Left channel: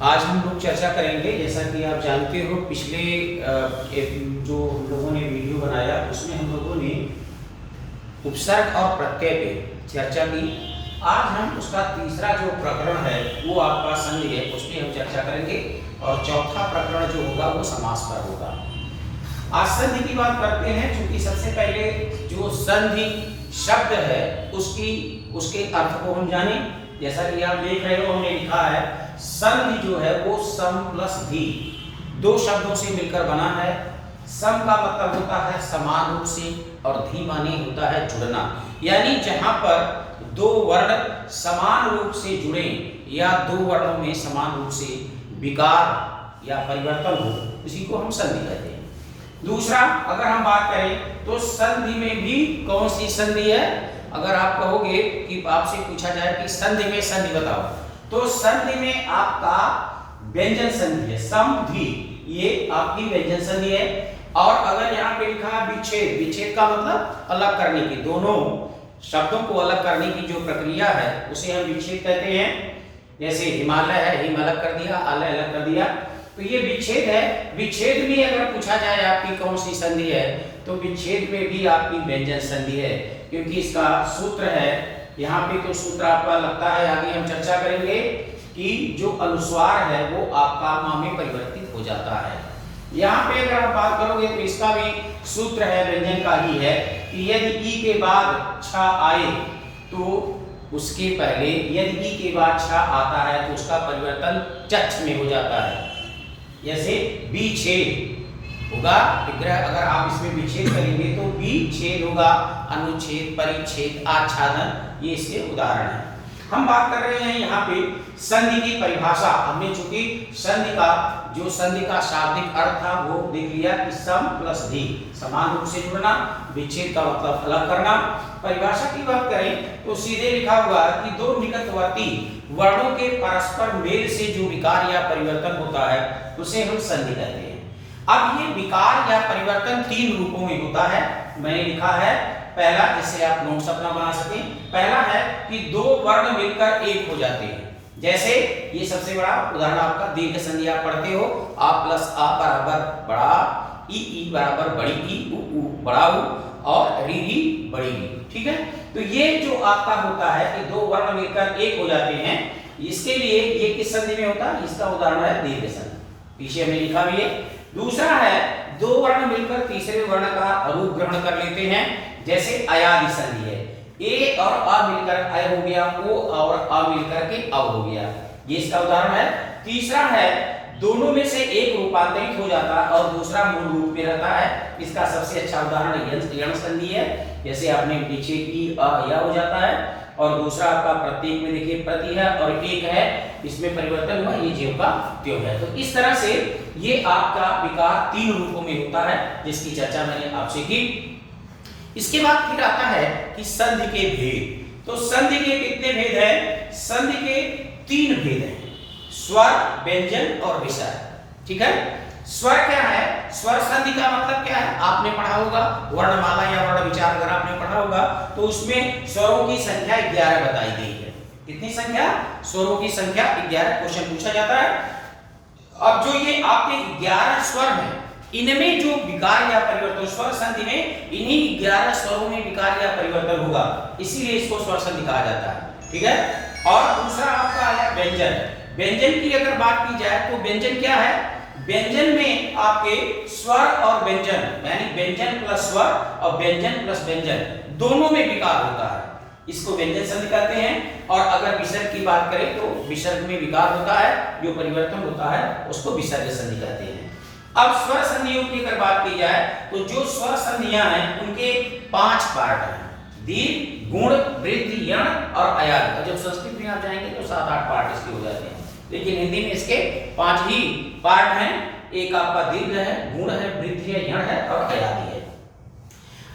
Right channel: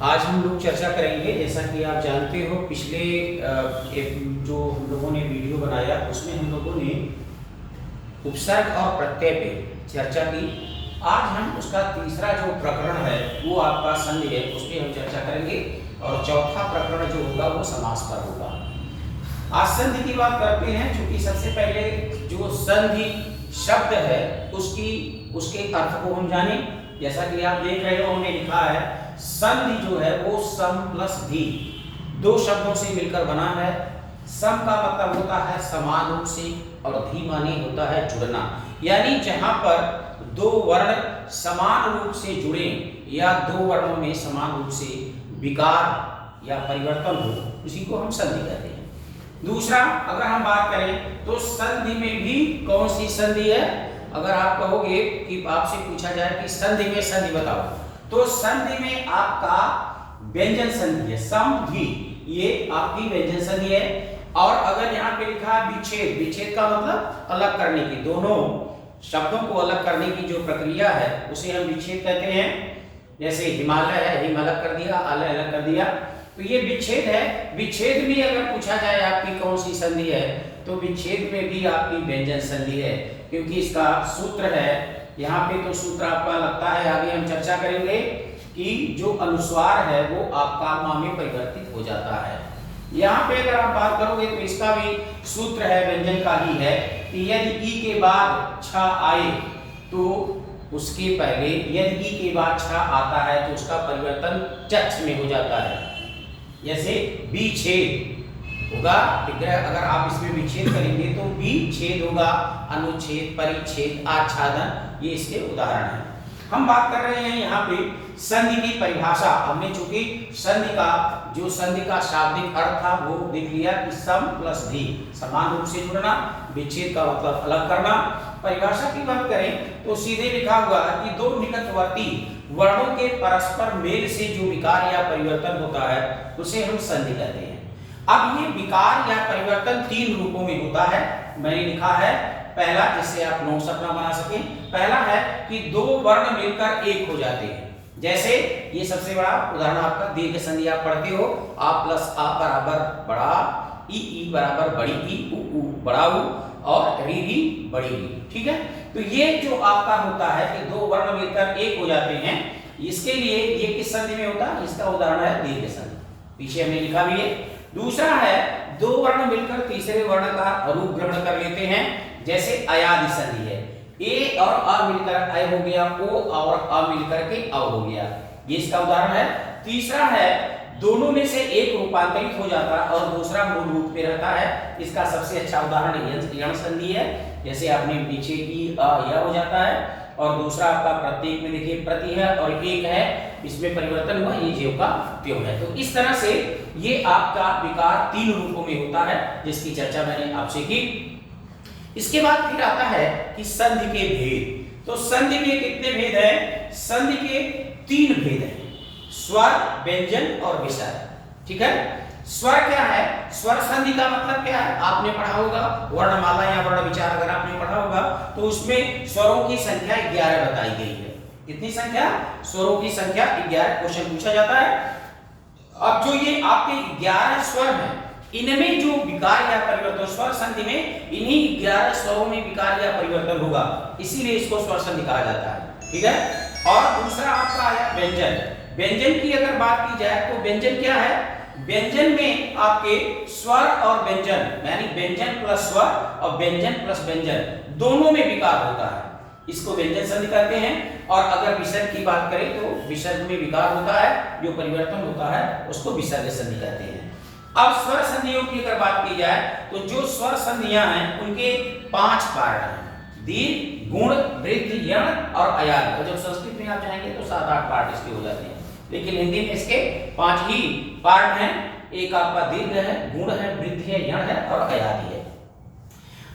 आज हम लोग चर्चा करेंगे, जैसा कि आप जानते हो पिछले जो हम लोगों ने वीडियो बनाया उसमें हम लोगों ने उपसर्ग और प्रत्यय पे चर्चा की। आज हम उसका तीसरा जो प्रकरण है वो आपका संधि है, उस पर हम चर्चा करेंगे और चौथा प्रकरण जो होगा वो समास पर होगा। आज संधि की बात करते हैं, क्योंकि सबसे पहले जो संधि शब्द है उसके अर्थ को हम जाने। जैसा कि आप देख रहे हो हमने लिखा है संधि जो है वो सम प्लस धी, दो शब्दों से मिलकर बना है। सम का मतलब होता है समान रूप से और धी माने होता है जुड़ना, यानी जहां पर दो वर्ण समान रूप से जुड़े या दो वर्णों में समान रूप से विकार या परिवर्तन हो, उसी को हम संधि कहते हैं। दूसरा अगर हम बात करें तो संधि में भी कौन सी संधि है, अगर आप कहोगे कि आपसे पूछा जाए कि संधि में संधि बताओ, तो संधि में आपका व्यंजन संधि है, सम धी, ये आपकी व्यंजन संधि है। और अगर यहाँ पे लिखा है विच्छेद, विच्छेद का मतलब अलग करने की, दोनों शब्दों को अलग करने की जो प्रक्रिया है उसे हम विच्छेद कहते हैं। जैसे हिमालय है, हिम अलग कर दिया, आलय अलग कर दिया, तो ये विच्छेद है। विच्छेद में अगर पूछा जाए आपकी कौन सी संधि है, तो विच्छेद में भी आपकी व्यंजन संधि है, क्योंकि इसका सूत्र है यहाँ पे। तो सूत्र आपका लगता है आगे हम चर्चा करेंगे कि जो अनुस्वार है वो आपका मा में परिवर्तित हो जाता है। यहाँ पे अगर आप बात करोगे तो इसका भी सूत्र है, व्यंजन का ही है कि यदि ई के बाद छ आए तो उसके पहले, यदि ई के बाद छ आता है तो उसका परिवर्तन चक्ष में हो जाता है। जैसे विच्छेद होगा विग्रह, अगर आप इसमें विच्छेद करेंगे तो विच्छेद होगा, अनुच्छेद, परिच्छेद, आच्छादन, ये इसके उदाहरण हैं। हम बात कर रहे हैं यहाँ पे संधि की परिभाषा। हमने चूंकि संधि का शाब्दिक अर्थ था वो देख लिया कि सम प्लस धी, समान रूप से जुड़ना, विच्छेद का मतलब अलग करना। परिभाषा की बात करें तो सीधे लिखा हुआ है कि दो निकटवर्ती वर्णों के परस्पर मेल से जो विकार या परिवर्तन होता है उसे हम संधि कहते हैं। अब ये विकार या परिवर्तन तीन रूपों में होता है, मैंने लिखा है। पहला, जिससे आप नोट्स अपना बना सकें, पहला है कि दो वर्ण मिलकर एक हो जाते हैं। जैसे ये सबसे बड़ा उदाहरण आपका दीर्घ संधि आप पढ़ते हो, आ प्लस आ बराबर बड़ा, ई बराबर बड़ी ई, उ बड़ा उ और री बड़ी री, ठीक है। तो ये जो आपका होता है कि दो वर्ण मिलकर एक हो जाते हैं, इसके लिए ये किस संधि में होता है, इसका उदाहरण है दीर्घ संधि, पीछे हमने लिखा भी है। दूसरा है दो वर्ण मिलकर तीसरे वर्ण का रूप ग्रहण कर लेते हैं, जैसे अयादि संधि है, ए और अ मिलकर अय हो गया, ओ और अ मिलकर के अव हो गया, ये इसका उदाहरण है। तीसरा है दोनों में से एक रूपांतरित हो जाता है और दूसरा मूल रूप में रहता है, इसका सबसे अच्छा उदाहरण यण संधि है। जैसे आपने पीछे की यह हो जाता है, और दूसरा आपका प्रत्येक में देखिए प्रति है और एक है, इसमें परिवर्तन हुआ, ये ज्यों का त्यों है। तो इस तरह से ये आपका विकार तीन रूपों में होता है, जिसकी चर्चा मैंने आपसे की। इसके बाद फिर आता है कि संधि के भेद। तो संधि के कितने भेद हैं? संधि के तीन भेद हैं, स्वर, व्यंजन और विसर्ग, ठीक है। स्वर क्या है? स्वर संधि का मतलब क्या है आपने पढ़ा होगा, वर्णमाला या वर्ण विचार अगर आपने पढ़ा होगा तो उसमें स्वरों की संख्या 11 बताई गई है। कितनी संख्या? स्वरों की संख्या 11, क्वेश्चन पूछा जाता है। अब जो ये आपके 11 स्वर हैं, इनमें जो विकार या परिवर्तन, स्वर संधि में इन्हीं 11 स्वरों में विकार या परिवर्तन होगा, इसीलिए इसको स्वर संधि कहा जाता है, ठीक है। और दूसरा आपका आया व्यंजन। व्यंजन की अगर बात की जाए तो व्यंजन क्या है? व्यंजन में आपके स्वर और व्यंजन, यानी व्यंजन प्लस स्वर और व्यंजन प्लस व्यंजन, दोनों में विकार होता है, इसको व्यंजन संधि कहते हैं। और अगर विसर्ग की बात करें तो विसर्ग में विकार होता है, जो परिवर्तन होता है उसको विसर्ग संधि कहते हैं। अब स्वर संधियों की अगर बात की जाए तो जो स्वर संधियां हैं उनके 5 पार्ट हैं, दीर्घ, गुण, वृद्धि, यण और अयाद। और जब संस्कृत में आप जाएंगे तो 7-8 पार्ट इसके हो जाते हैं, लेकिन हिंदी में इसके 5 ही पार्ट हैं। एक आपका दीर्घ है, गुण है, वृद्धि है, यण है और अयादि है।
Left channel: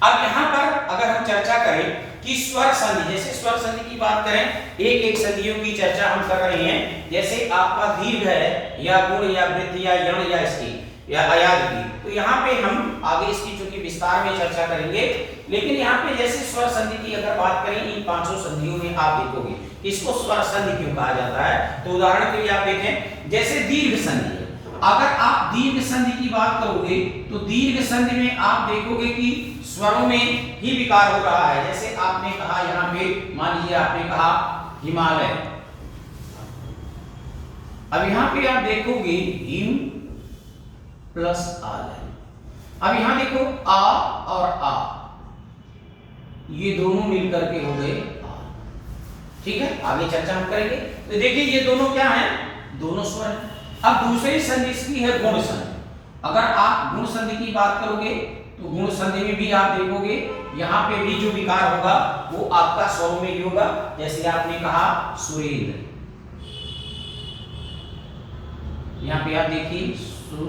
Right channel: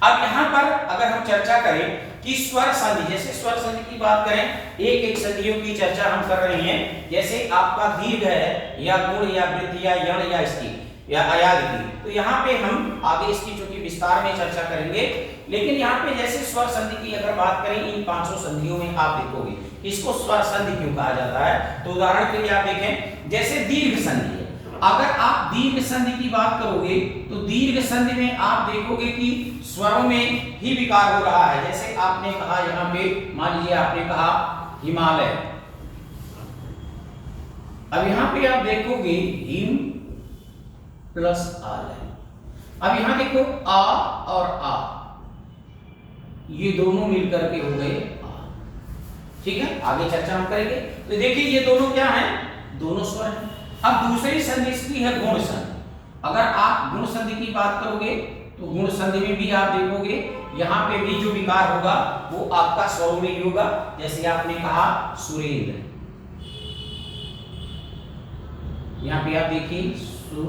अब यहाँ पर अगर हम चर्चा करें कि स्वर संधि, जैसे स्वर संधि की बात करें, एक एक संधियों की चर्चा हम कर रहे हैं। जैसे आपका दीर्घ है या गुण या वृद्धि या यण या इसकी या अयाद की, तो यहाँ पे हम आगे इसकी चूंकि विस्तार में चर्चा करेंगे, लेकिन यहाँ पे जैसे स्वर संधि की अगर बात करें, इन 500 संधियों में आप देखोगे इसको स्वर संधि क्यों कहा जाता है? तो उदाहरण के लिए आप देखें, जैसे दीर्घ संधि है। अगर आप दीर्घ संधि की बात करोगे तो दीर्घ संधि में आप देखोगे कि स्वरों में ही विकार हो रहा है। जैसे आपने कहा यहाँ पे, मान लीजिए आपने कहा हिमालय, अब यहां पे आप देखोगे हिम प्लस आलय। अब यहां देखो आ और आ, ये दोनों मिलकर के हो गए आ। ठीक है, आगे चर्चा हम करेंगे। तो देखिए ये दोनों क्या हैं? दोनों स्वर हैं। अब दूसरी संधि इसकी है गुण संधि। अगर आप गुण संधि की बात करोगे तो गुण संधि में भी आप देखोगे यहां पे भी जो विकार होगा वो आपका स्वरों में ही होगा। जैसे आपने कहा सुरेंद्र, यहां पे आप देखिए सुर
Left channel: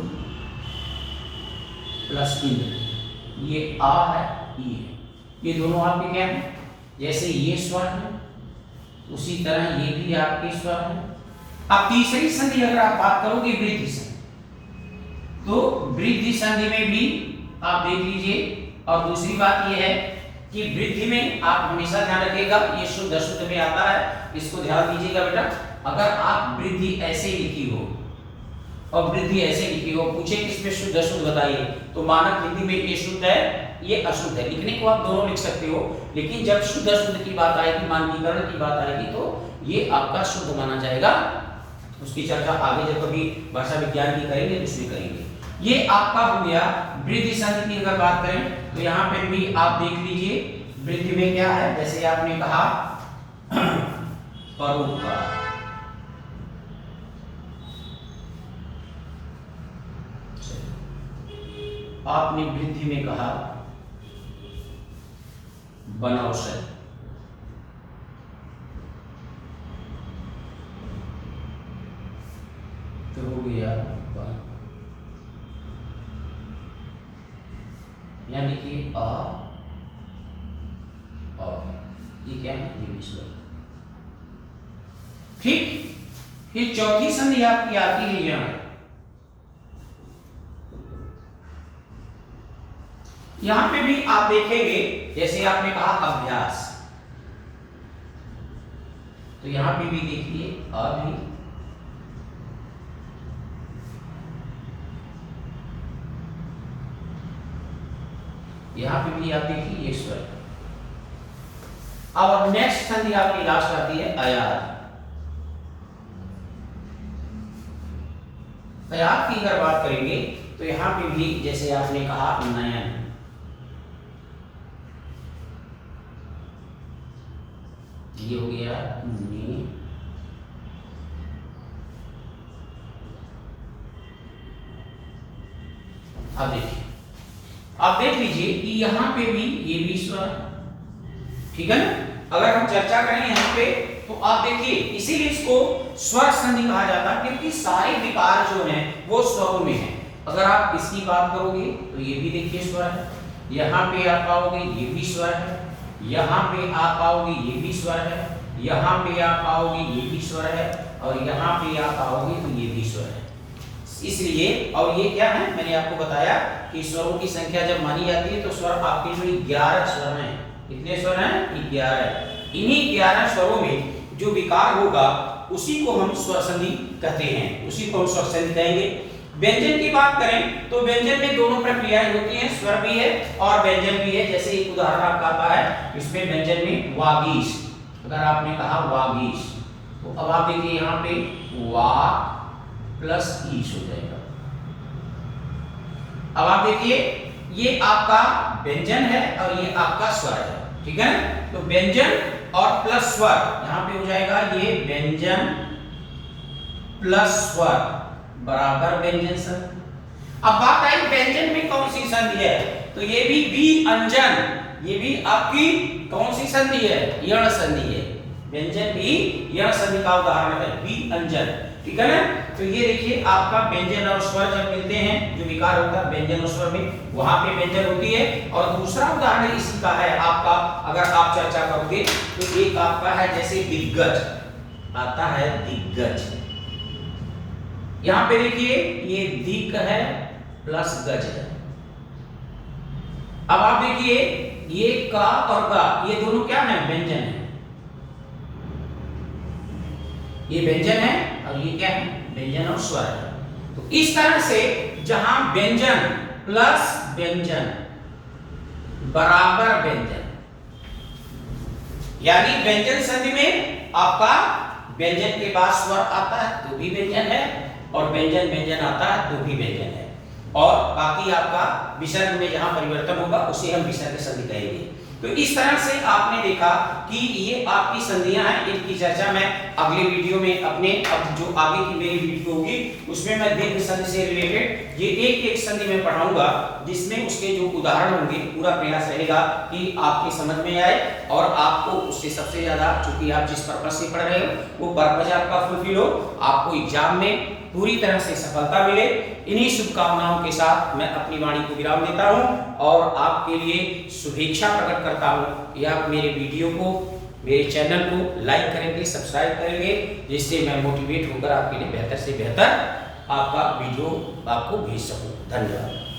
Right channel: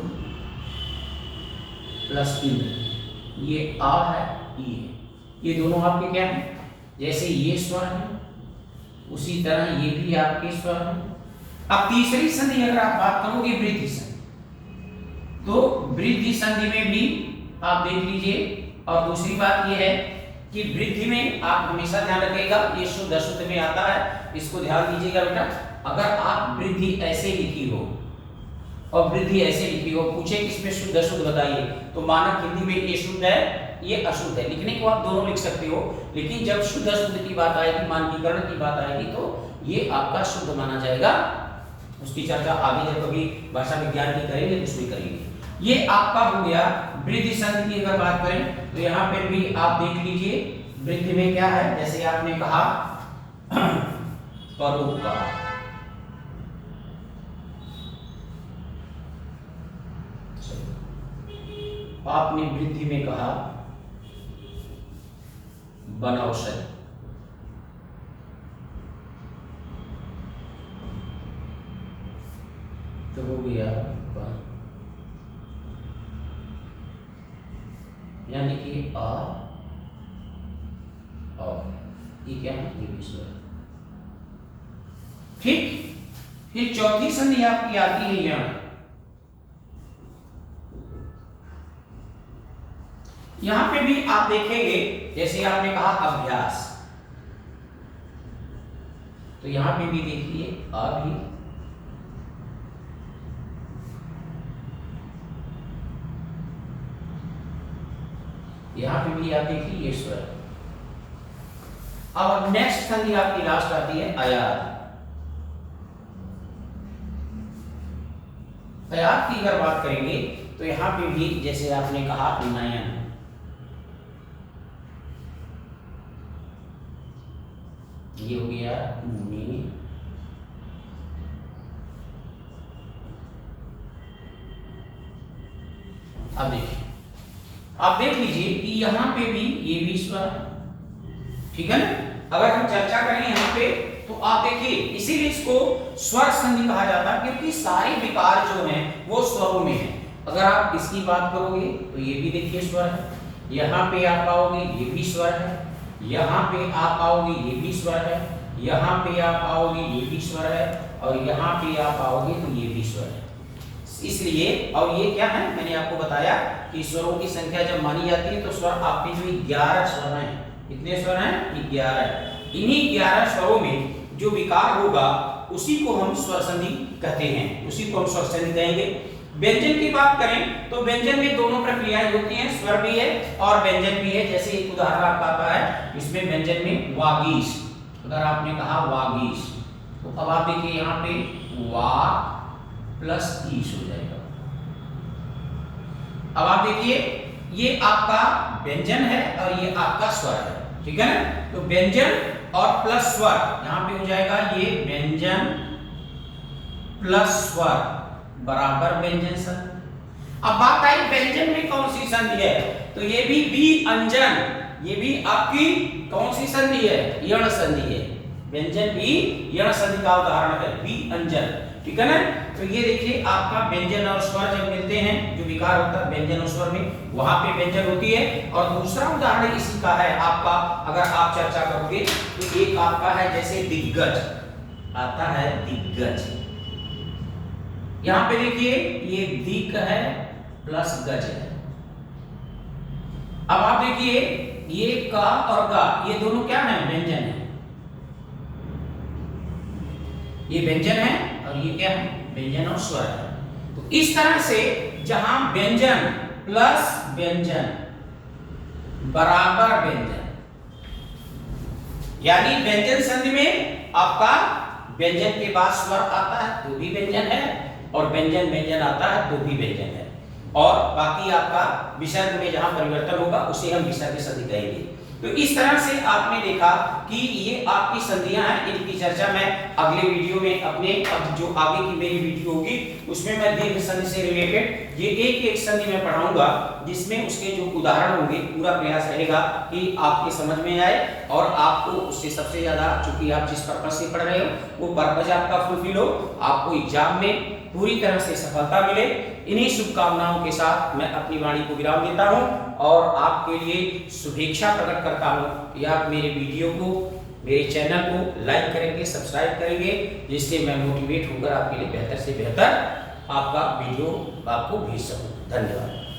प्लस इंद्र, ये आ है, ये दोनों आपके क्या हैं? जैसे ये स्वर है उसी तरह ये भी आपके स्वर हैं। अब तीसरी संधि अगर आप बात करोगे वृद्धि संधि, तो वृद्धि संधि में भी आप देख लीजिए। और दूसरी बात यह है कि वृद्धि में आप हमेशा ध्यान रखिएगा, ये शुद्ध अशुद्ध में आता है, इसको ध्यान दीजिएगा बेटा। अगर आप वृद्धि ऐसे लिखी हो और वृद्धि ऐसे लिखी हो, पूछे किसमें शुद्ध अशुद्ध बताइए, तो मानक हिंदी में ये शुद्ध है ये अशुद्ध है। लिखने को आप दोनों लिख सकते हो, लेकिन जब शुद्ध अशुद्ध की बात आएगी, मानकीकरण की बात आएगी, तो ये आपका शुद्ध माना जाएगा। उसकी चर्चा आगे जब कभी भाषा विज्ञान की करेंगे तो उसमें करेंगे। ये आपका हो गया वृद्धि संधि की। अगर बात करें तो यहाँ पे भी आप देख लीजिए वृद्धि में क्या है। जैसे आपने कहा परोपकार, आपने वृद्धि में कहा बनौषधि, तो हो गया यानी कि आ और ये क्या है? ये स्वर। ठीक, फिर चौथी संधि आपकी आती है यहां पे भी आप देखेंगे, जैसे आपने कहा अभ्यास, तो यहां पे भी देखिए अभी, यहां पे भी आप देखिए ये स्वर। अब नेक्स्ट संधि आपकी लास्ट आती है अयाद। अयाद की अगर बात करेंगे तो यहां पे भी जैसे आपने कहा नयन, ये हो गया नी, अब देखिए, आप देख लीजिए कि यहां पे भी ये भी स्वर, ठीक है ना। अगर हम चर्चा करें यहां पे तो आप देखिए, इसीलिए इसको स्वर संधि कहा जाता है क्योंकि सारे विकार जो हैं वो स्वरों में हैं। अगर आप इसकी बात करोगे तो ये भी देखिए स्वर है, यहां पे आप आओगे ये भी स्वर है, यहां पे आप आओगे ये भी स्वर है, यहां पे आप आओगे ये भी स्वर है, और यहां पे आप आओगे तो ये भी स्वर है। इसलिए, और ये क्या है, मैंने आपको बताया कि स्वरों की संख्या जब मानी जाती है तो स्वर आपके जो 11 स्वर हैं, कितने स्वर हैं? 11। इन्हीं 11 स्वरों में जो विकार होगा उसी को हम स्वर संधि कहते हैं, उसी को हम स्वर संधि कहेंगे। व्यंजन की बात करें तो व्यंजन में दोनों प्रक्रियाएं होती हैं, स्वर भी है और व्यंजन भी है। जैसे एक उदाहरण आपका आता है, इसमें व्यंजन में वागीश, अगर आपने कहा वागीश, तो अब आप देखिए यहाँ पे वा प्लस ईश हो जाएगा। अब आप देखिए ये आपका व्यंजन है और ये आपका स्वर है, ठीक है ना। तो व्यंजन और प्लस स्वर यहां पे हो जाएगा, ये व्यंजन प्लस स्वर बराबर व्यंजन संधि। अब बात आई व्यंजन में कौन सी संधि है, तो ये भी व्यंजन, ये भी आपकी कौन सी संधि है? यण संधि है। व्यंजन भी यण संधि का उदाहरण है, व्यंजन, ठीक है ना। तो ये देखिए आपका व्यंजन और स्वर जब मिलते हैं, जो विकार होता है व्यंजन और स्वर में, वहां पे व्यंजन होती है। और दूसरा उदाहरण इसी का है आपका, अगर आप चर्चा करोगे तो एक आपका है जैसे दिग्गज, आता है दिग्गज, यहां पे देखिए ये दिक है प्लस गज है। अब आप देखिए ये का और गा, ये दोनों क्या है? व्यंजन है। ये व्यंजन है और ये क्या है, व्यंजन और स्वर है। तो इस तरह से जहां व्यंजन प्लस व्यंजन बराबर व्यंजन, यानी व्यंजन संधि में आपका व्यंजन के बाद स्वर आता है तो भी व्यंजन है, और व्यंजन व्यंजन आता है तो भी व्यंजन है, और बाकी आपका विसर्ग में जहां परिवर्तन होगा उसे हम विसर्ग संधि कहेंगे। तो इस तरह से आपने देखा कि ये आपकी संधियां हैं, इनकी चर्चा मैं अगले वीडियो में अपने अब जो आगे की मेरी वीडियो होगी उसमें मैं दीर्घ संधि से रिलेटेड ये एक एक संधि में पढ़ाऊंगा, जिसमें उसके जो उदाहरण होंगे पूरा प्रयास रहेगा कि आपके समझ में आए और आपको उससे सबसे ज्यादा, चूंकि आप जिस पर्पज से पढ़ रहे हो वो पर्पज आपका फुलफिल हो, आपको एग्जाम में पूरी तरह से सफलता मिले। इन्हीं शुभकामनाओं के साथ मैं अपनी वाणी को विराम देता हूं और आपके लिए शुभेच्छा प्रकट करता हूं कि आप मेरे वीडियो को, मेरे चैनल को लाइक करेंगे, सब्सक्राइब करेंगे, जिससे मैं मोटिवेट होकर आपके लिए बेहतर से बेहतर आपका वीडियो आपको भेज सकूं। धन्यवाद।